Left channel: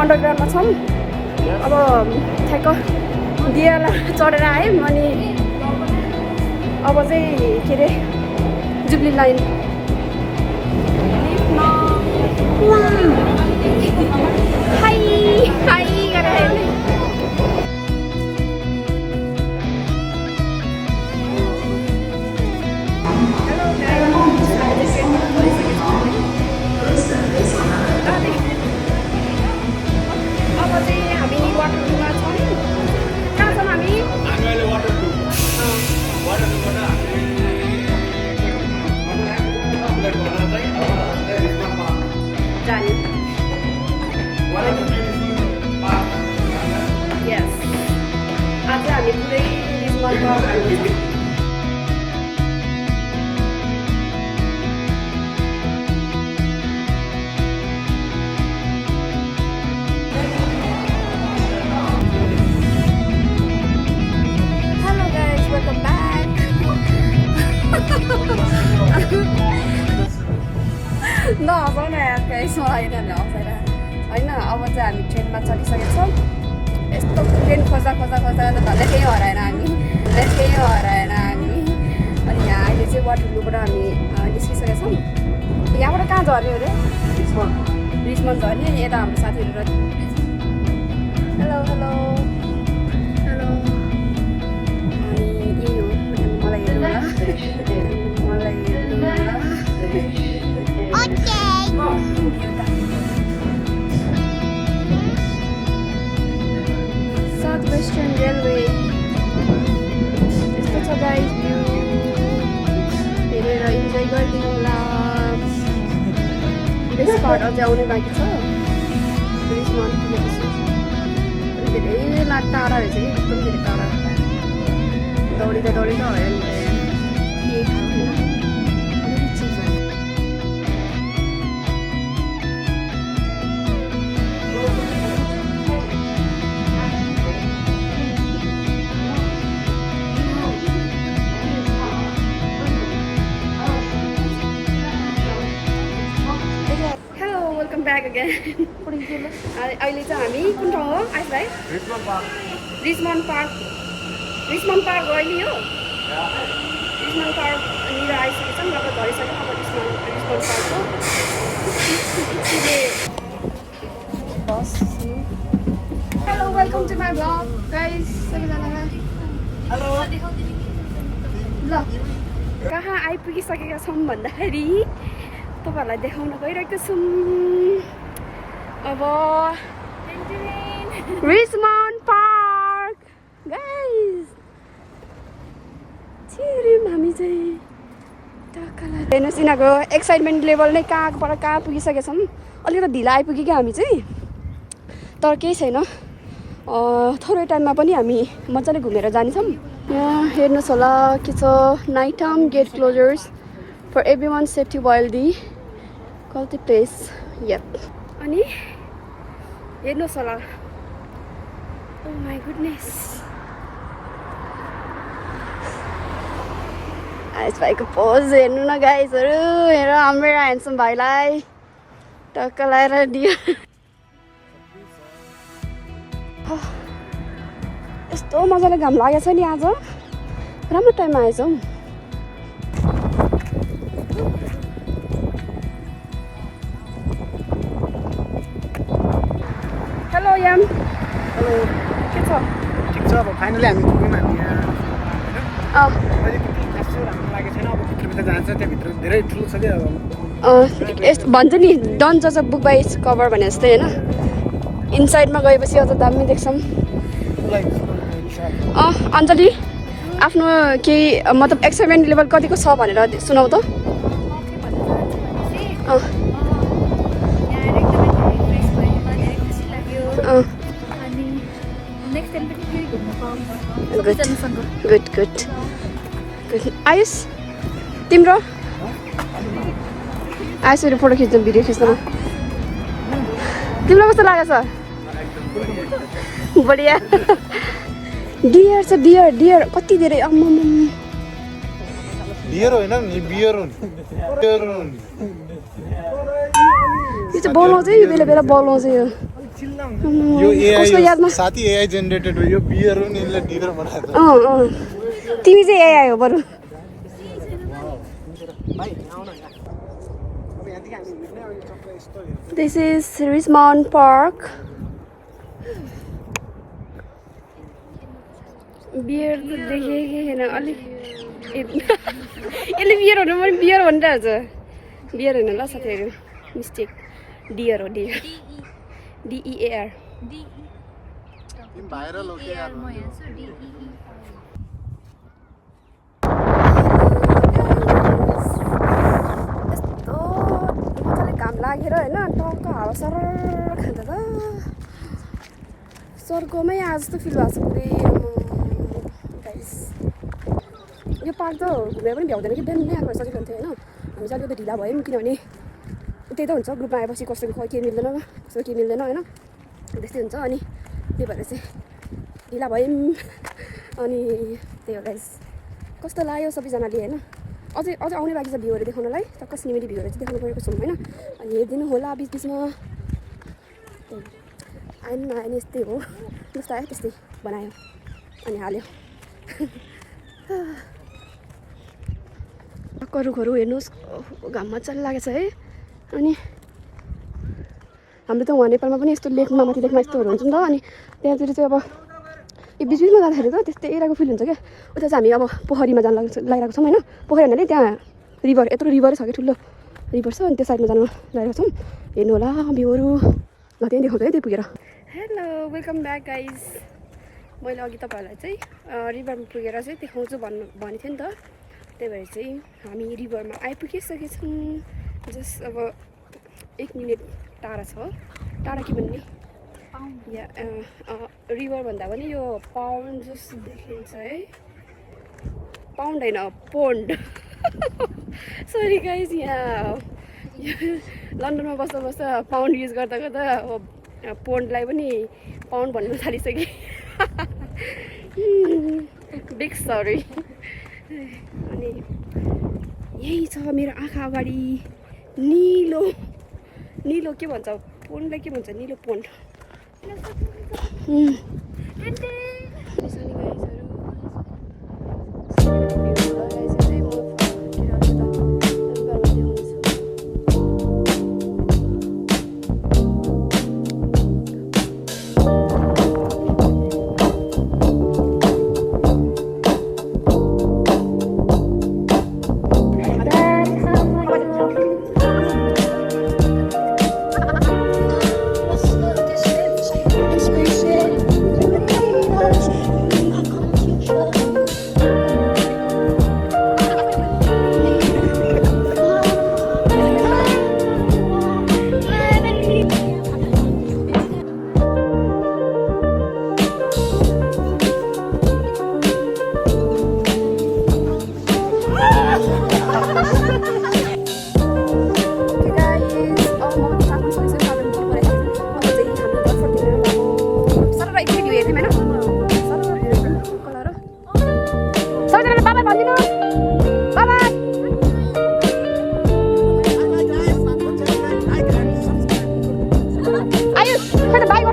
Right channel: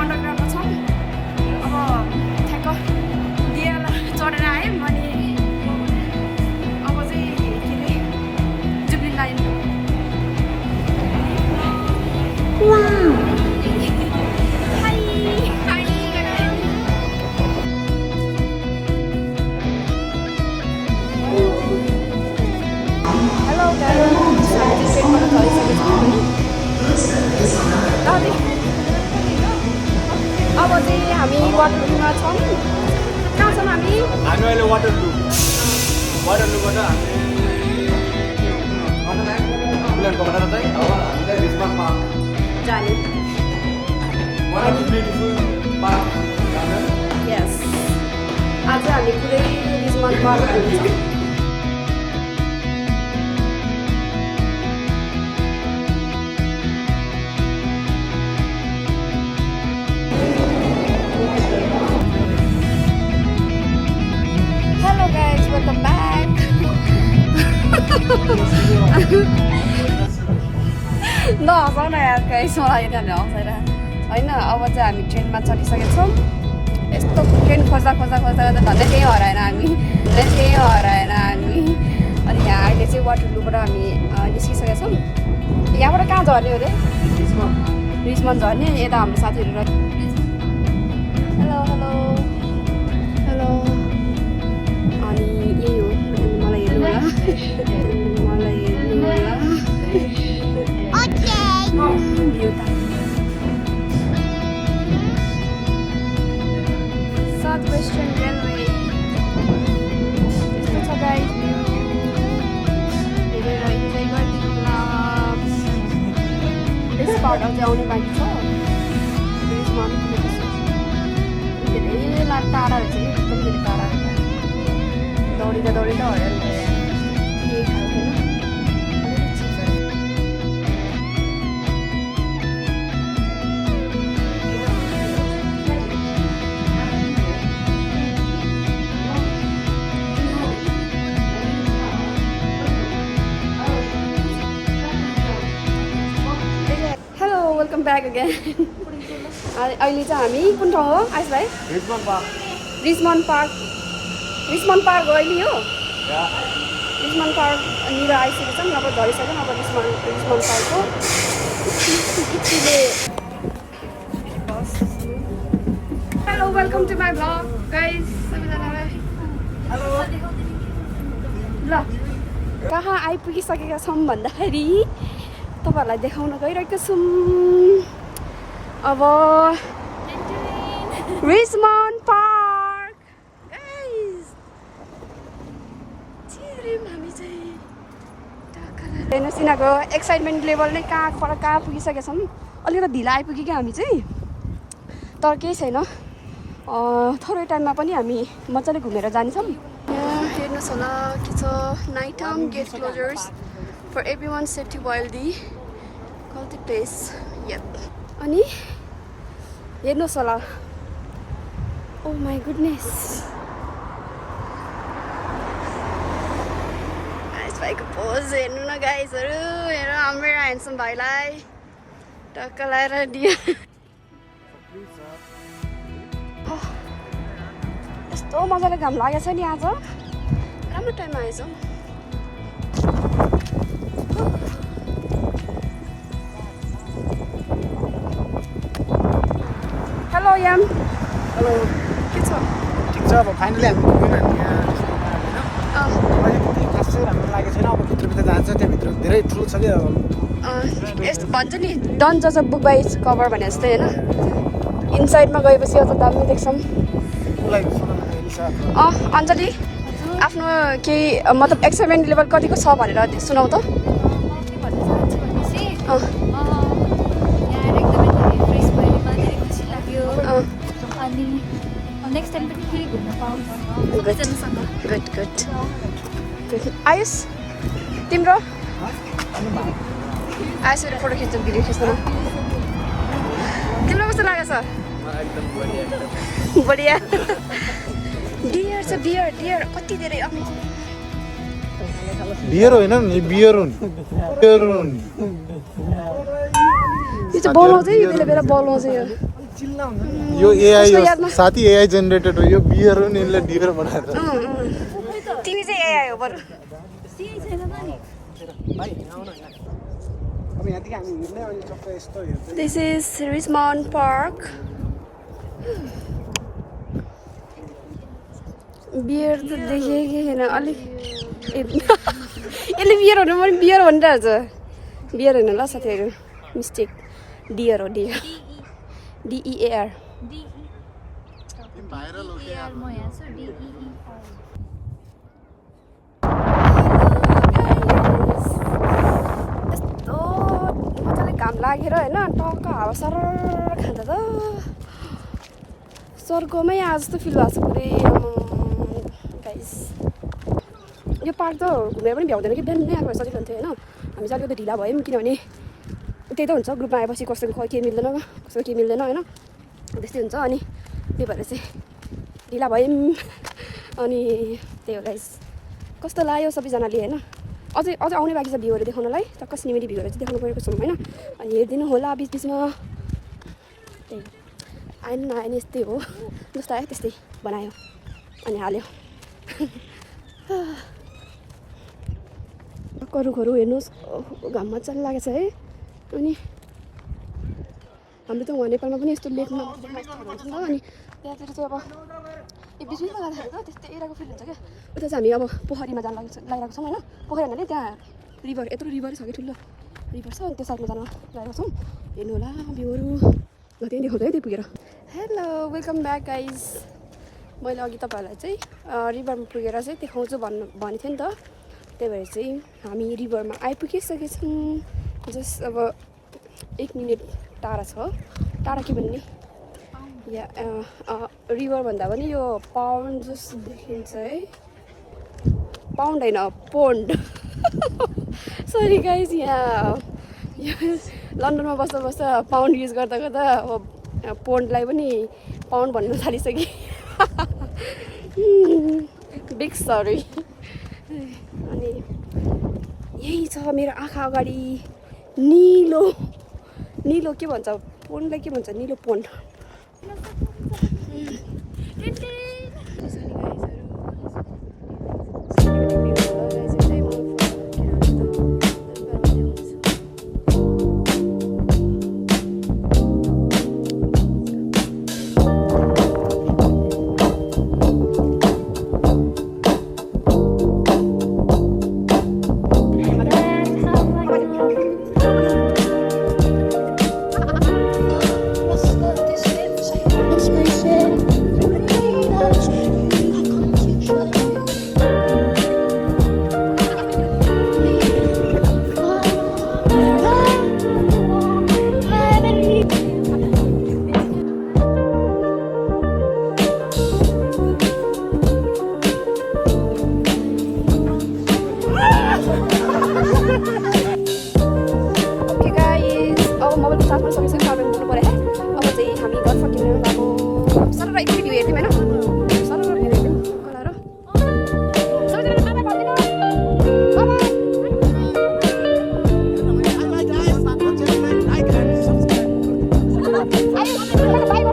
अन्डरग्राउन्डमा छौँ अब ठ्याक्क दियाला चढेर आयौँ अनि अब चाहिँ के अरे जुब्ली लाइन हाई हाई गरेर हेलो अब चाहिँ हामी वाटर पुलमा छौँ कहाँ छौँ हामी अहिले वाटर पुल जाने यस आज हामी पुरै रिचमन्ड पार्क जान्छौँ नहसाउन यार यसो आइरहने हँसेर होइन अब चाहिँ हामी ट्रेनमा चढिसकेको छौँ यस्तो ट्रेन खोज्दा खोज्दा खोज्दा खोज्दा झन् केही हराएन हामी अनि यहाँ अहिले चाहिँ वाटरलूबाट हामी निस्किसकेका छौँ यहाँबाट कहाँ झर्ने अरे रिचमन्ड झर्ने अनि यता हाम्रो साथीहरू हेलो हेलो हेलो अनि यही हो मलाई हेर्नु होला वेलकम ब्याक अगेन अहिले चाहिँ हामी कुन ठाउँ हो आइस भाइ रिचमन्ड पार्क हो अहिले हो रिचमन्ड पार्कनिर आइसकेको छौँ अब झरिसक्यौँ अब रिचमन्ड पार्कको hello welcome to my vlog guys सबैजनालाई हेलो ल कहाँ आइपुगिसकेका छौँ भन्दाखेरि तपाईहरुलाई देखाउन गइरहेको छौँ अब रिचमन्ड पार्क गाइस छिरिम हामी चाहिँ हेर्नुहोस् यिनीहरूको एक्साइटमेन्ट लेभल नै कहाँ पुगिसकेका छौँ अलिकति ढिला आइपुग्यो क्या हामी चाहिँ तर केही छैन थोरै टाइममा पनि हामी मजाले घुमेर जान्छौँ यहाँ हेर्नुहोस् होला के छ night time gate closures for everyone's safety while the quality place yep अनि हेर्नुहोस् होला oh my goodness आइस भाइको पोज हेर्नु न गाइसहरू हेर हाम्रो ह्यान्डसम भाइलाई टक्क लाएर दियो यस्तो मजाले घाम लागेको छ नि आज राम्रो टाइममा आएछ हौ याम के छ फाइनली हामी पुग्यौँ हामी यहाँ अहिले खासै राम्रो लागेको छैन अब भित्रभित्र जान्छ त्यहाँभित्र धेरै ठुलो छ क्या यस्तो भन्छ नि डन्ट जज a book by its cover भने जस्तै होइन इनसाइडमा गएपछि अझ दामी देख्छौँ अञ्जली आफ्नो केही मतलब एक्साइटमेन्ट लेभल कतिको छ भनेर सुनाउ त नेक्स्ट टाइम पनि फेरि घुम्न पाऊँ सबैजनासँग गुड आयुष तिम्रो आयुषहरू फोटो खिच्नु भिडियो खिच्नु तिमीलाई कस्तो लागेको छ बढिया डियर छ डियर कति धेरै बियर होइन नि बियर हो नि यो चाहिँ बोलाउँछ यो बेला बेला बोलाउँछ यो यो कसको एआई यादमा साथी एआई जेनेरेटेड हो यो बियर हो नि यसले डियर बनाएको तिमी चाहिँ यही आयो बरु भाइ आउन यहाँ अब यहाँदेखि हामी हिँड्ने अब यो सबै यस्तो हेर्छ this is Richmond Park bear त देखेकै छैन अलिक यसले बियर भन्नु पनि बियर भनिरहेको छ बियर होइन ल साथीहरू मिस्टेक डियर हो डियर डिइएआर भाइरल हो के यार घाम लागेर होइन टक्क हावा सर खाँदा त स्वर्गमै आज जस्तो फिल भएको छ पुरै गाइस यो पार्क त घुमेर पनि भ्याउँदैन कि बिहान नै आएको सजिलो हुन्थ्यो होइन हामी चाहिँ अलिकति ढिला भयौँ किनभने त्यही त हुन्छ ग्रुपमा आएपछि कसैको केही मिल्दैन कसैको केही मिल्दैन होइन त्यस्तै हुन्छ अनि त्यही भएर चाहिँ ढिला भयौँ अनि त्यही हो गाइस कस्तो लाग्यो सबैजनाले होइन अझै आउने बाँकी छ भ्यूहरू देखाउनलाई टक्क सिनेमेरी भ्यूहरू चाहिँ देखाउनु परेको छौँ होइन अनि हेरिदिनु होला बिच बिचमा त्यही आएन नआएन यस्तै हो जस्तो आयो त्यस्तै बनायो अनि हाल्यो रुखहरू हेर्नुहोस् घाममा मजाले लागेको छ है अनि हाम्रो त उहाँ नेपालमा पनि यस्तो लेकमा माथि लेकमा यस्तोहरू हुन्छ नि त अनि त्यहाँतिर चाहिँ अब यो बिच बिचमा जाँदाखेरि त त्यस्तै एरियाको फिल हुन्छ क्या उता चाहिँ हामी अब पोखरीमा जान लागिरहेको छौँ होइन पोखरी भन्नाले त्यहाँ रिभर यत्रो रिभरै छ कि ठुलो रिभर छ अनि त्यो साइडमा जानु लागेको छौँ हेर्नु होला भ्यूहरू ल त्यहीँ देखाउँछु है त्यो पुगेर हेलो वेलकम ब्याक गाइज मैले अघि तपाईँहरूलाई चाहिँ रिभरमा पुगेर चाहिँ देखाउँछु भनेको थियो नि त त्यही भएर चाहिँ हामी रिभरमा आइपुगिसकेछौँ जस्ट अब 1 मिनट टाढा छ टाढा के भन्ने या रिभर भन्दा पनि यो पाउन्ड जस्तो देखिन्छ है पाउन्ड होइन पोन्ड सरी गाइज यहाँ लन्डनमा बस्दा बस्दा पाउन्ड युज गर्दा गर्दा अब पोन्डलाई पनि पाउन्ड भन्नु थालिसकेँ बिग सरी अनि यही छ मेरो आँखा अगाडि निलो निलो के भन्छ पोन्डलाई के भन्छ निलो पोन्ड Bye.